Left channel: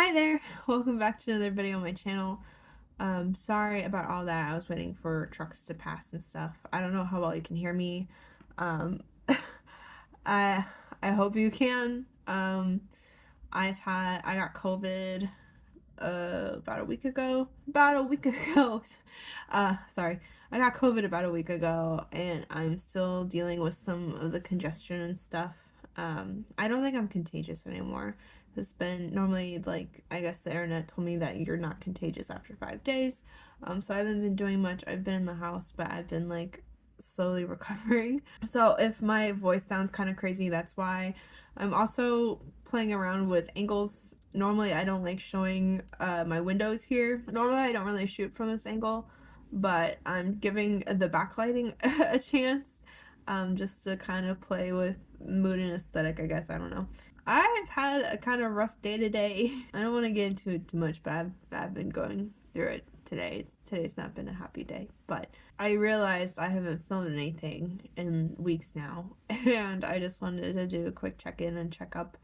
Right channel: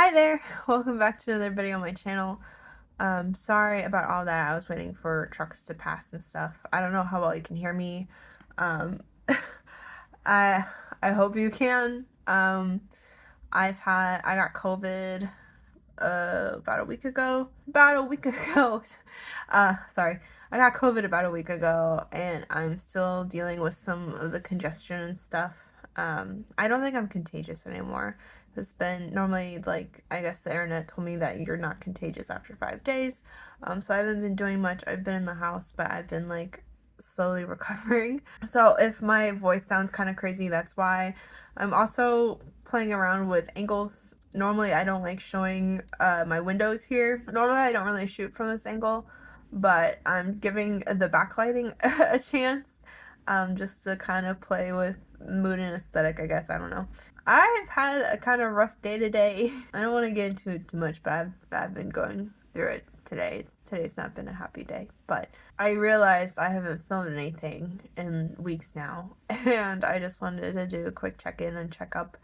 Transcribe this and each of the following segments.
Hi there! Welcome back to another video on my channel. Sorry about all that. I was waiting for trucks to pass and stuff. I don't know how well you can hear me. Um, I I hope you can. I got COVID about a week ago. About a week ago. Sorry. I got COVID about a week ago, and I'm still dealing with some of the congestion and stuff. I don't think I'm contagious anymore. It's been normally, like, I guess the internet told me that you're not contagious after 5 days. So I haven't been doing much. I've been in the house, but I've been like slowly recovering. So if my voice sounds kind of crazy, that's why. I'm also playing around with angles. Normally I don't like showing my windows here. Normally I don't really shoot from this angle, but I'm giving the backlighting a chance, just to kind of play with mood and aesthetic, I guess. I don't know. I've had a kind of rough day today. I don't want to get into it too much, but I've been going through it today. Today's not been a happy day, but I realized I haven't filmed anything in weeks now, and I just wanted to do a quick check-in and check up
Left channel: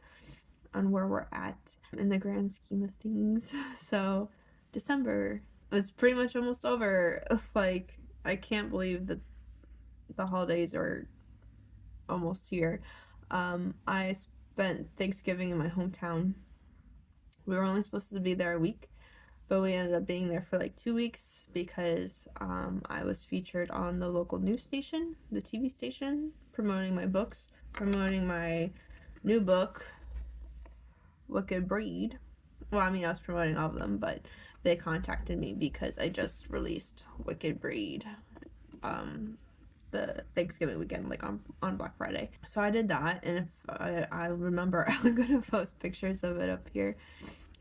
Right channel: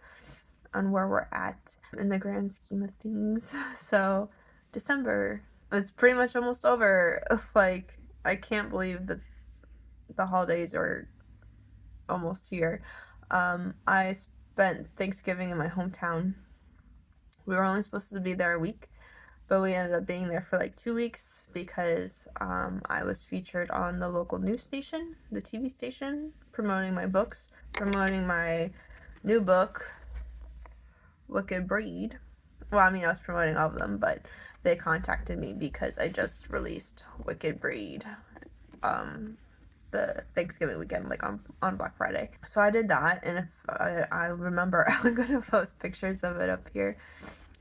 on where we're at in the grand scheme of things. So, December, it's pretty much almost over. Like, I can't believe that the holidays are almost here. I spent Thanksgiving in my hometown. We were only supposed to be there a week, but we ended up being there for like 2 weeks because I was featured on the local news station, the TV station, promoting my books, promoting my new book, Wicked Breed. Well, I mean, I was promoting all of them, but they contacted me because I just released Wicked Breed the Thanksgiving weekend, like on Black Friday. So I did that, and if I remember, I'm gonna post pictures of it up here.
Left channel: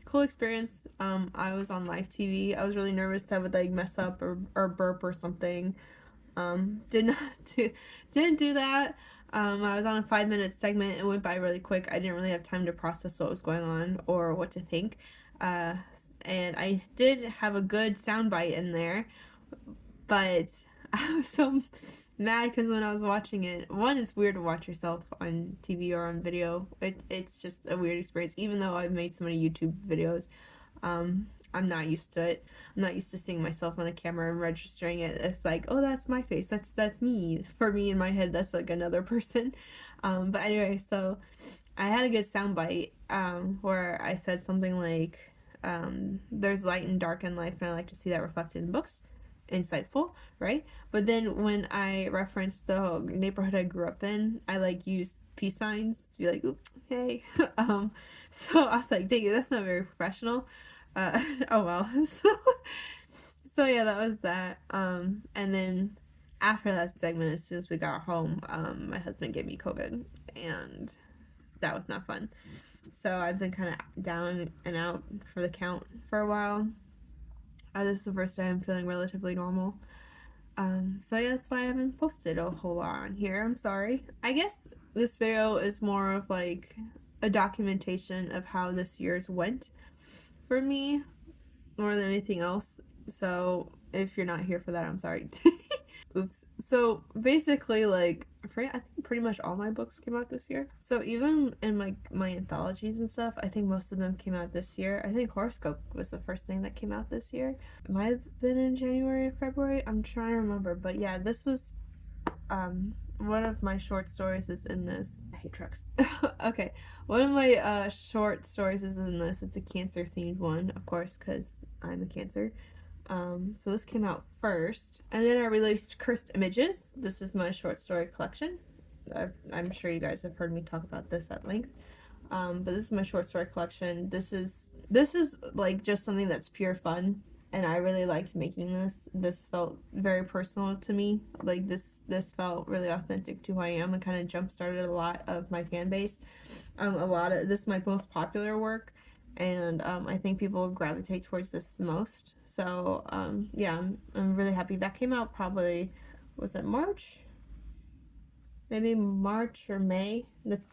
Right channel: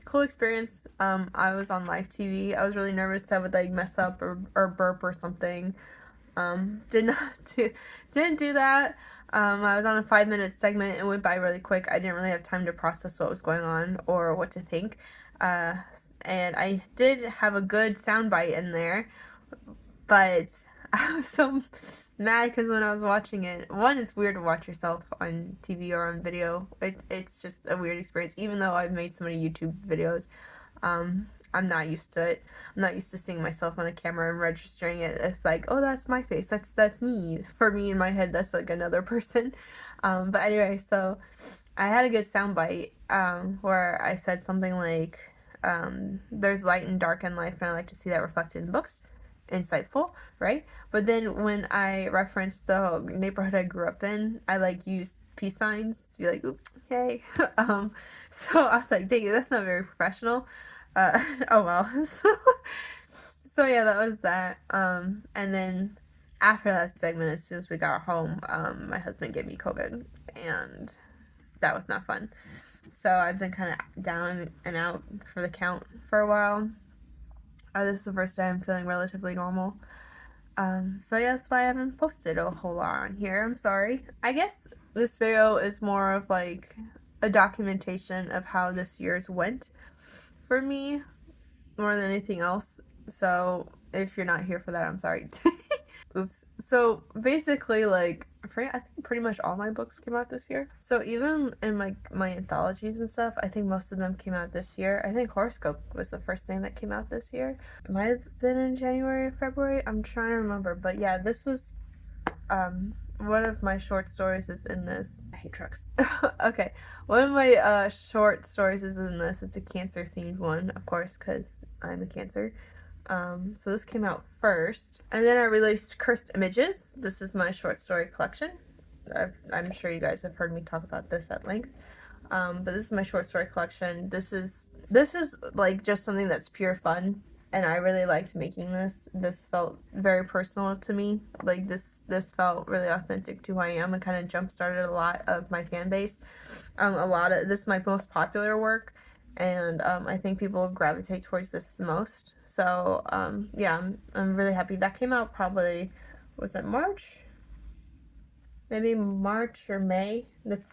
Cool experience. I was on live TV. I was really nervous that I would like mess up or burp or something. Did not do, didn't do that. I was on a 5-minute segment. It went by really quick. I didn't really have time to process what was going on or what to think. Uh, and I did have a good soundbite in there, but I was so mad because when I was watching it, one, it's weird to watch yourself on TV or on video. It's just a weird experience, even though I've made so many YouTube videos. I'm not used to it. I'm not used to seeing myself on a camera and registering it. It's like, oh, that's my face. That's me. For me in my head, that's like another person. But anyway, so I had a good soundbite where I said something like, there's light and dark in life, and I like to see that reflected in books. Insightful, right? But then when I referenced the neighborhood I grew up in, I like used peace signs to be like, "Oop, hey." So I was like, dang it, that's not very professional. Oh well. So yeah, that was that. And then after that segment, as soon as we got home, my husband gave me COVID, and that was not fun. So I've been kind of down and out for the count for a while. This is the first day I'm feeling relatively normal. So yeah, that's why I haven't posted a whole lot on here. I'm sorry. I guess this video is more of like a documentation of how this year's went for me more than anything else. So if you're not here for that, I'm sorry. Oops. So basically, like, I think pretty much all my books came out this year. So even in my anthologies and stuff, I think most of them came out this year. I think Horoscope was the first thing that came out this year. It might have been in January or February. I'm trying to remember, but yeah, this was one of my short stories is in this. I hate trucks. Okay, one of my short stories is in this. It's a Cancer themed one, of course, because I'm a Cancer. So this came out first, and then I released Cursed Images. This is my short story collection. I'm sure you guys have heard me talk about this at length. But this is my short story collection. This is like just something that's pure fun, and I really liked making this. This felt very personal to me. Like this felt really authentic to who I am, and kind of jump started a lot of my fan base. A lot of this is my most popular work, and I think people gravitate towards this the most. So yeah, I'm really happy. That came out probably, was it March? Maybe March or May.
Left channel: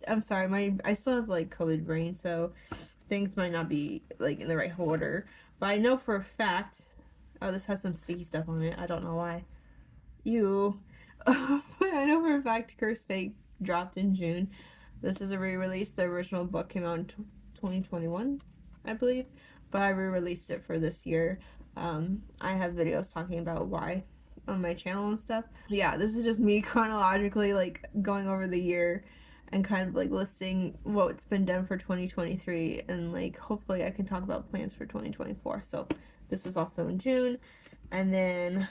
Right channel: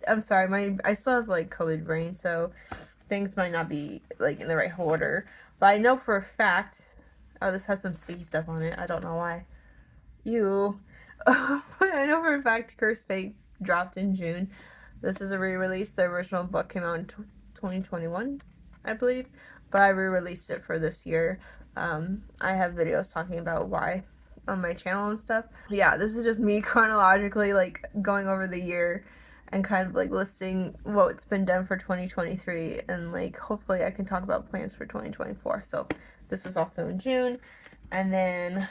I'm sorry, I still have like COVID brain, so things might not be like in the right order. But I know for a fact. Oh, this has some sticky stuff on it. I don't know why. But I know for a fact Curse Fate dropped in June. This is a re-release. The original book came out in 2021. I believe, but I re-released it for this year. I have videos talking about why on my channel and stuff. Yeah, this is just me chronologically like going over the year and kind of like listing what's been done for 2023, and like hopefully I can talk about plans for 2024. So this was also in June. And then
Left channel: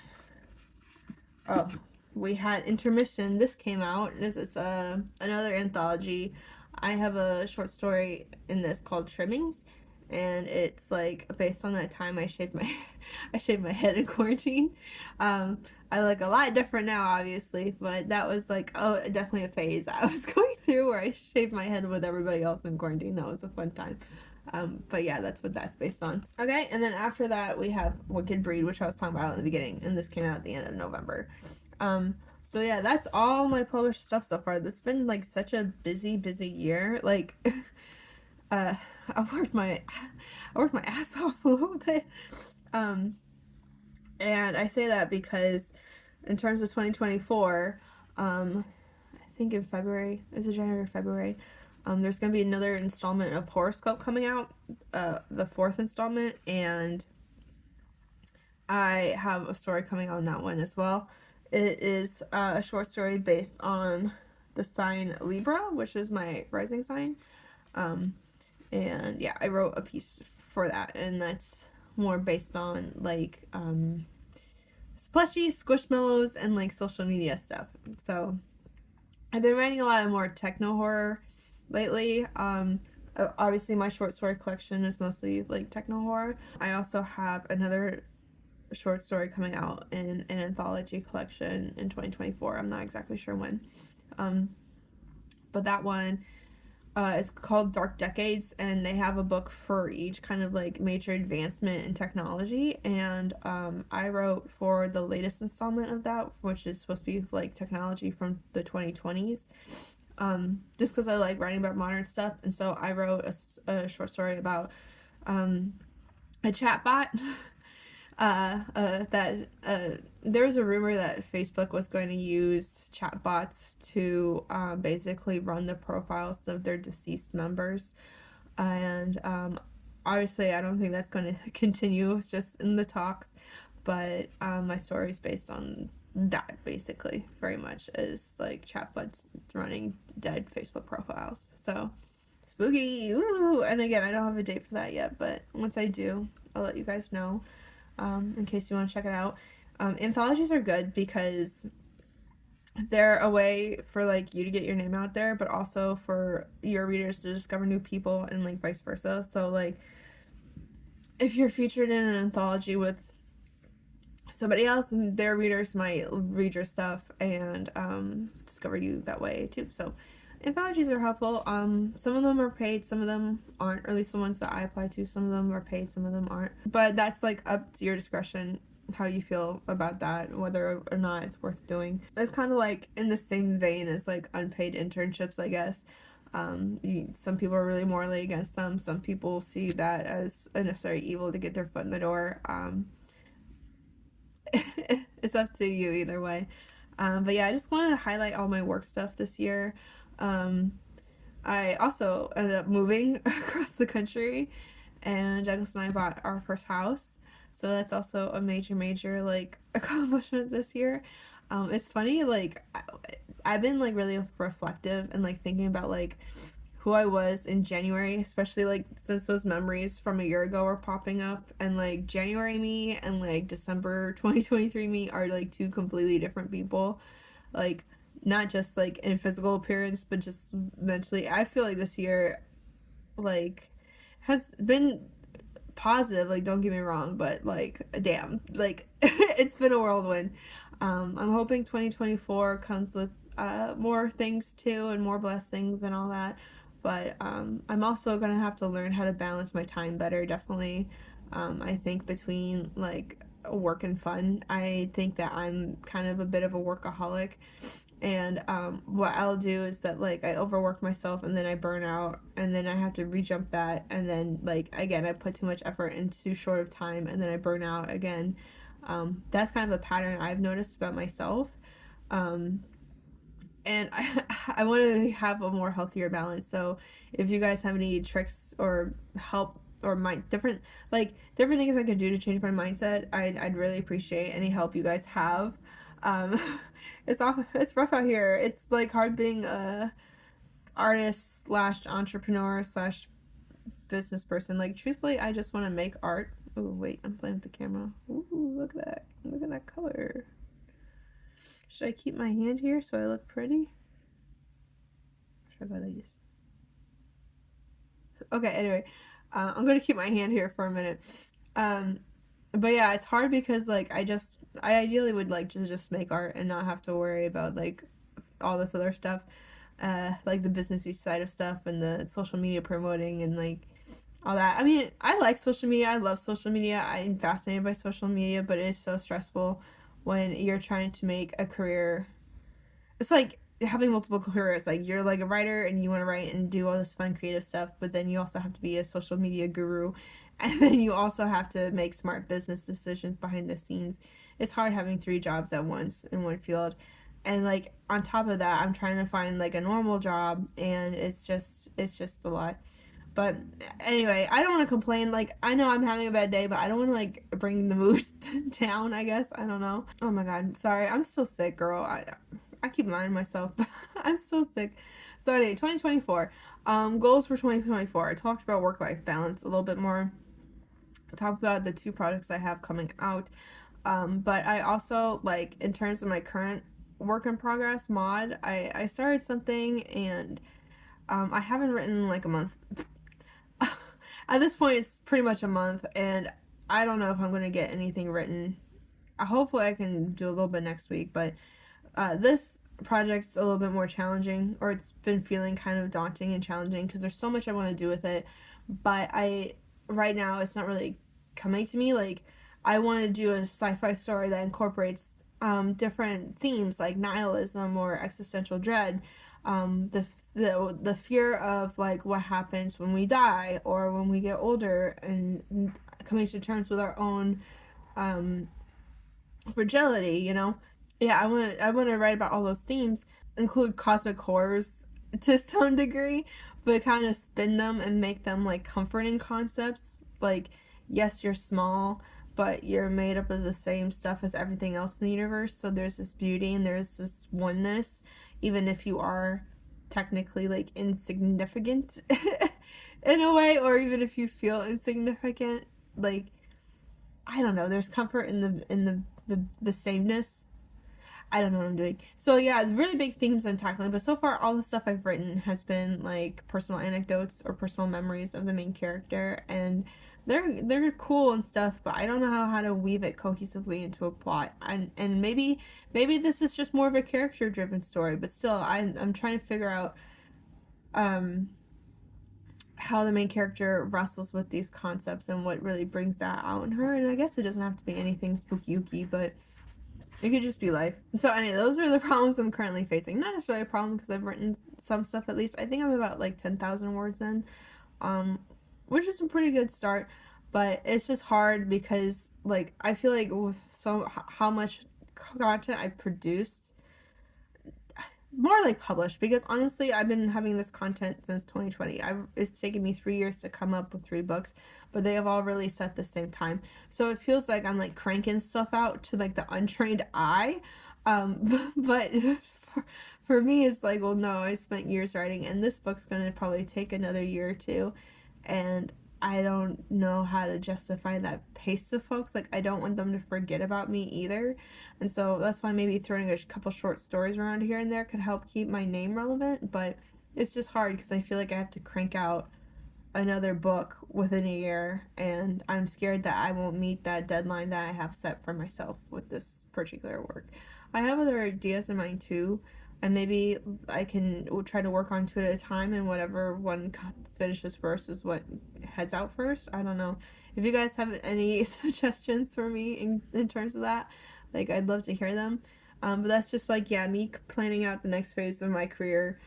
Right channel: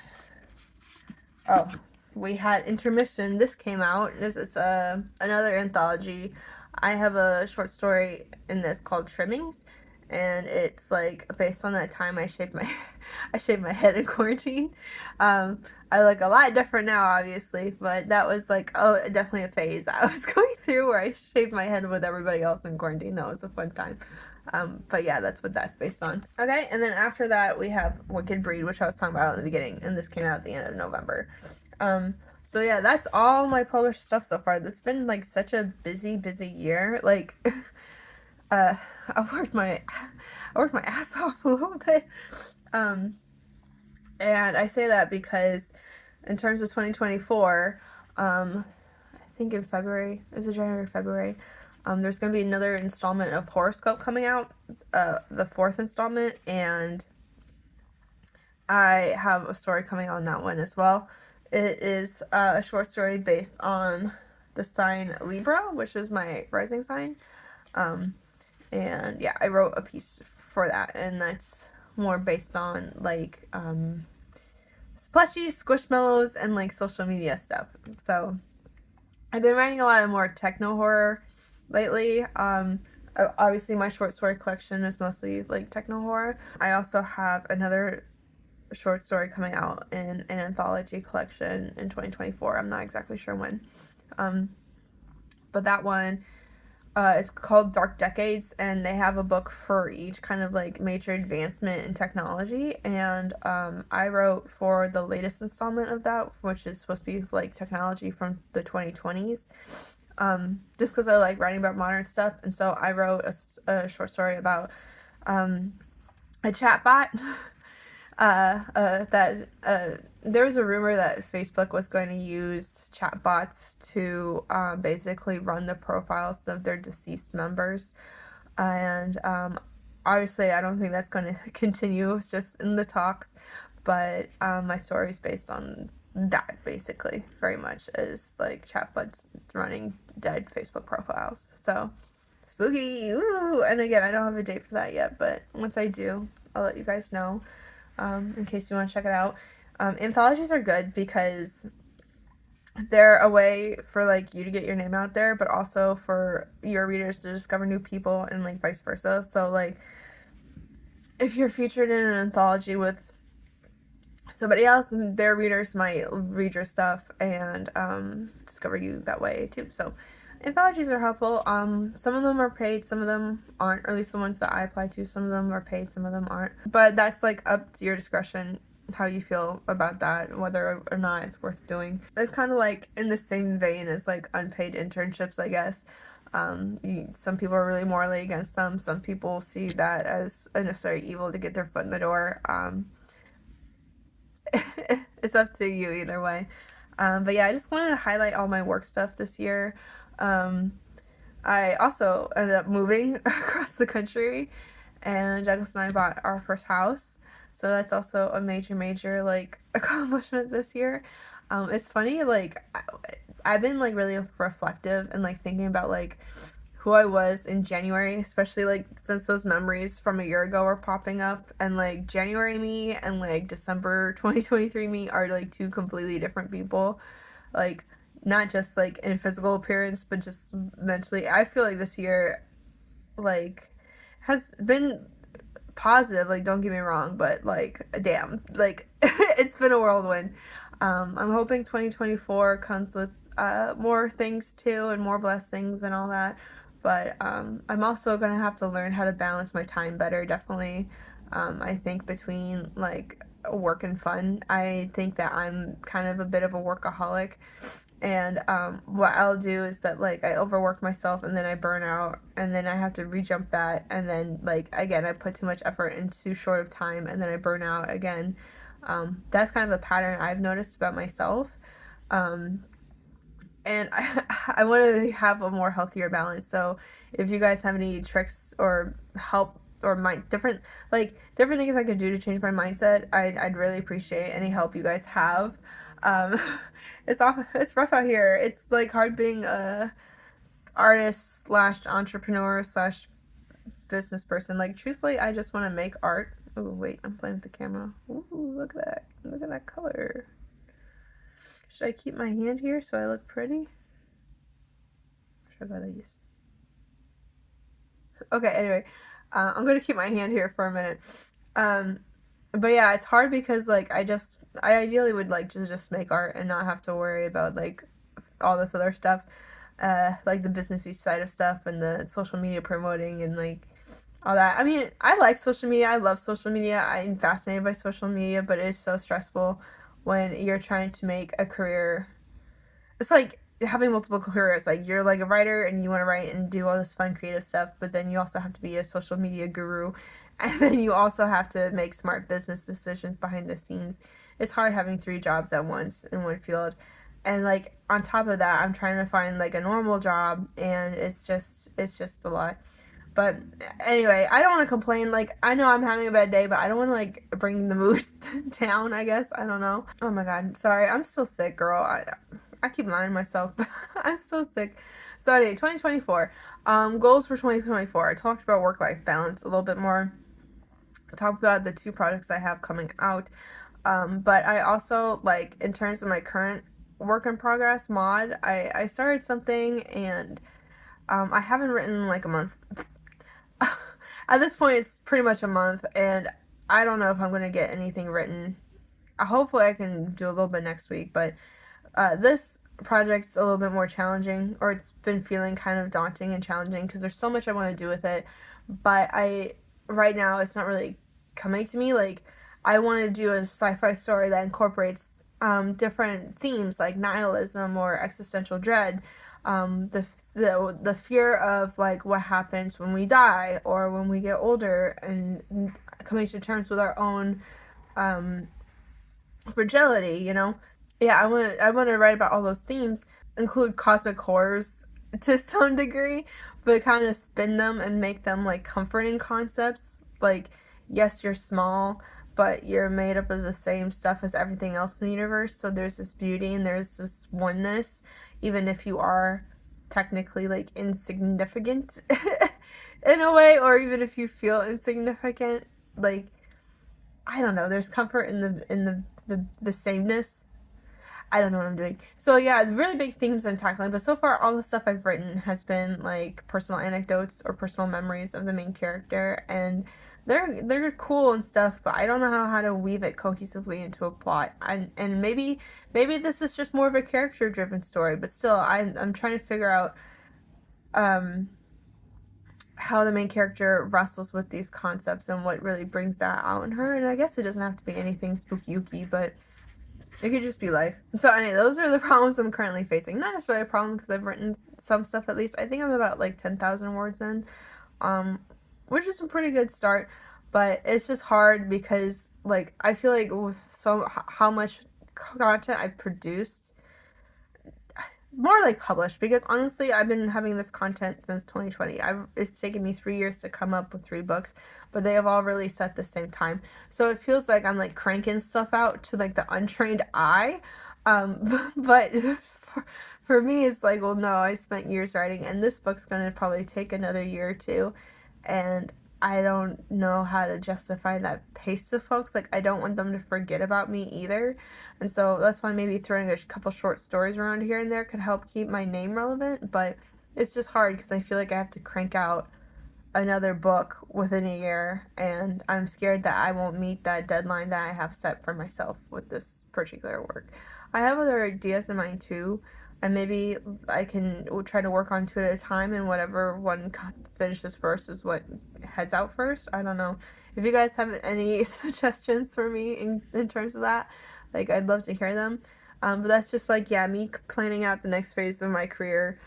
oh, we had intermission. This came out. This is another anthology. I have a short story in this called Trimmings, and it's like based on that time I shaved my I shaved my head in quarantine. I look a lot different now, obviously, but that was like, oh, definitely a phase I was going through where I shaved my head with everybody else in quarantine. That was a fun time. But yeah, that's what that's based on. Okay, and then after that we have Wicked Breed, which I was talking about in the beginning, and this came out at the end of November. So yeah, that's all my published stuff so far. It's been like such a busy year. Like, uh, I worked my ass off a little bit. And I say that because in terms of 2024, I think in February, is it January or February? There's going to be another installment of Horoscope coming out, the 4th installment, and I have a story coming out on that one as well. It is a short story based on the sign Libra, which is my rising sign. And yeah, I wrote a piece for that, and that's more based on like plushies, squishmallows, and like social media stuff. So I've been writing a lot of more techno horror lately. Obviously my short story collection is mostly like techno horror. I also have another short story coming out in an anthology collection in 2024. I'm not exactly sure when. But that one is called Dark Decades, and they have a book for each kind of like major advancement in technology. And I wrote for the latest installment of that, which is supposed to be like technology from the 2020s. Just because I like writing about modern stuff, and so I wrote a short story about a chatbot. There was a rumor that Facebook was going to use chatbots to basically run the profiles of their deceased members, and obviously I don't think that's going to continue. It's just in the talks, but my story is based on that basically, very much as like chatbots running dead Facebook profiles. So spooky. Ooh. And again, I don't have a date for that yet, but once I do, I'll let you guys know. In case you want to check it out. Anthologies are good because they're a way for like you to get your name out there, but also for your readers to discover new people, and like vice versa. So like if you're featured in an anthology with somebody else, their readers might read your stuff and discover you that way too. So anthologies are helpful. Some of them are paid, some of them aren't, or at least the ones that I apply to. Some of them are paid, some of them aren't. But that's like up to your discretion how you feel about that, whether or not it's worth doing. It's kind of like in the same vein as like unpaid internships, I guess. Some people are really morally against them. Some people see that as a necessary evil to get their foot in the door. It's up to you either way. But yeah, I just wanted to highlight all my work stuff this year. I also ended up moving across the country, and Douglas and I bought our first house. So that's also a major like accomplishment this year. It's funny, like I've been like really reflective and like thinking about like who I was in January, especially like since those memories from a year ago are popping up, and like January me and like December 2023 me are like two completely different people. Like not just like in physical appearance, but just mentally. I feel like this year like has been positive, like don't get me wrong, but like damn, like it's been a whirlwind. I'm hoping 2024 comes with more things too, and more blessings and all that, but I'm also gonna have to learn how to balance my time better, definitely. I think between like work and fun, I think that I'm kind of a bit of a workaholic, and what I'll do is that like I overwork myself and then I burn out, and then I have to rejump that, and then like again I put too much effort in too short of time, and then I burn out again. That's kind of a pattern I've noticed about myself. And I want to have a more healthier balance. So if you guys have any tricks or help or different, like, different things I could do to change my mindset, I'd really appreciate any help you guys have. Um, it's rough out here. It's like hard being a artist slash entrepreneur slash business person. Like, truthfully, I just want to make art. Oh wait, I'm playing with the camera. Ooh, look at that! Look at that color. Should I keep my hand here so I look pretty? Should I go like this? Okay, anyway, I'm gonna keep my hand here for a minute. But yeah, it's hard because like I ideally would like to just make art and not have to worry about like all this other stuff, like the businessy side of stuff and the social media promoting and like all that. I mean, I like social media. I love social media. I'm fascinated by social media, but it's so stressful when you're trying to make a career. It's like having multiple careers. Like you're like a writer and you want to write and do all this fun creative stuff, but then you also have to be a social media guru, and then you also have to make smart business decisions behind the scenes. It's hard having three jobs at once in one field. And like on top of that, I'm trying to find like a normal job, and it's just a lot. But anyway, I don't want to complain. Like, I know I'm having a bad day, but I don't want to like bring the mood down, I guess. I don't know. Oh my god. Sorry. I'm still sick, girl. I keep lying to myself, but I'm still sick. So anyway, 2024. Goals for 2024. I talked about work-life balance a little bit more. I talked about the two projects I have coming out. But I also, like, in terms of my current work in progress mod, I started something, and I haven't written in like a month. At this point, it's pretty much a month, and I don't know if I'm going to get anything written. Hopefully, I can do a little bit next week, but this project's a little bit more challenging, or it's been feeling kind of daunting and challenging because there's so much I want to do with it, but right now, it's not really coming to me. Like, I want to do a sci-fi story that incorporates different themes like nihilism or existential dread, the fear of like what happens when we die or when we get older, and coming to terms with our own um, fragility. Yeah, I want to write about all those themes, include cosmic horrors to some degree, but kind of spin them and make them like comforting concepts. Like, yes, you're small, but you're made up of the same stuff as everything else in the universe. So there's this beauty and there's this oneness, even if you are technically like insignificant in a way, or even if you feel insignificant. Like, I don't know. There's comfort in the sameness. I don't know what I'm doing. So yeah, really big themes I'm tackling, but so far all the stuff I've written has been like personal anecdotes or personal memories of the main character, and they're cool and stuff, but I don't know how to weave it cohesively into a plot. And maybe this is just more of a character driven story, but still I'm trying to figure out um how the main character wrestles with these concepts and what really brings that out in her. And I guess it doesn't have to be anything spooky, but it could just be life. So anyway, those are the problems I'm currently facing. Not necessarily a problem because I've written some stuff at least. I think I'm about like 10,000 words in, um, which is a pretty good start. But it's just hard because like I feel like with how much content I produced, more like published, because honestly I've been having this content since 2020. It's taken me 3 years to come up with 3 books, but they have all released at the same time, so it feels like I'm like cranking stuff out to like the untrained eye. But for me it's like, well, no, I spent years writing, and this book's gonna probably take another year or two, and I don't know how to justify that pace to folks. Like, I don't want them to forget about me either. And so that's why maybe throwing a couple short stories around here and there could help keep my name relevant. But it's just hard because I feel like I have to crank out another book within a year, and I'm scared that I won't meet that deadline that I have set for myself with this particular work. I have other ideas in mind too, and maybe I can try to work on two at a time, and whatever one finishes first is what heads out first. I don't know. If you guys have any suggestions for me in terms of that, like, I'd love to hear them. But that's just like, yeah, me planning out the next phase of my career.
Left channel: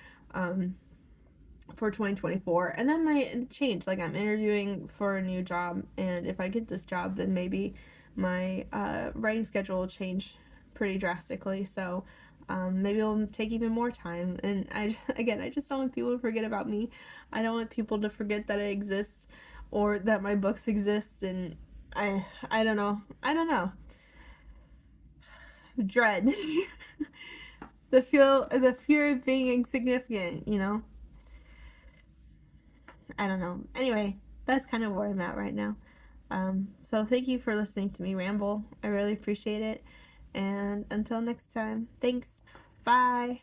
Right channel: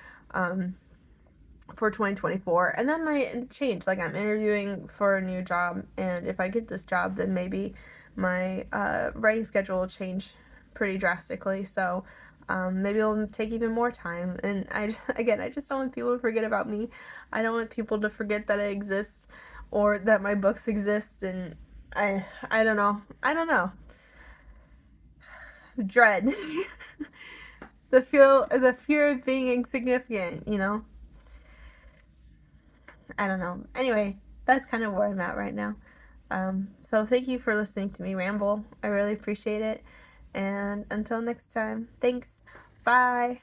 For 2024, and that might change. Like, I'm interviewing for a new job, and if I get this job, then maybe my writing schedule will change pretty drastically. So maybe it'll take even more time. And I just don't want people to forget about me. I don't want people to forget that I exist, or that my books exist, and I don't know. I don't know. Dread. The fear of being insignificant, you know? I don't know. Anyway, that's kind of where I'm at right now. So thank you for listening to me ramble. I really appreciate it. And until next time, thanks. Bye.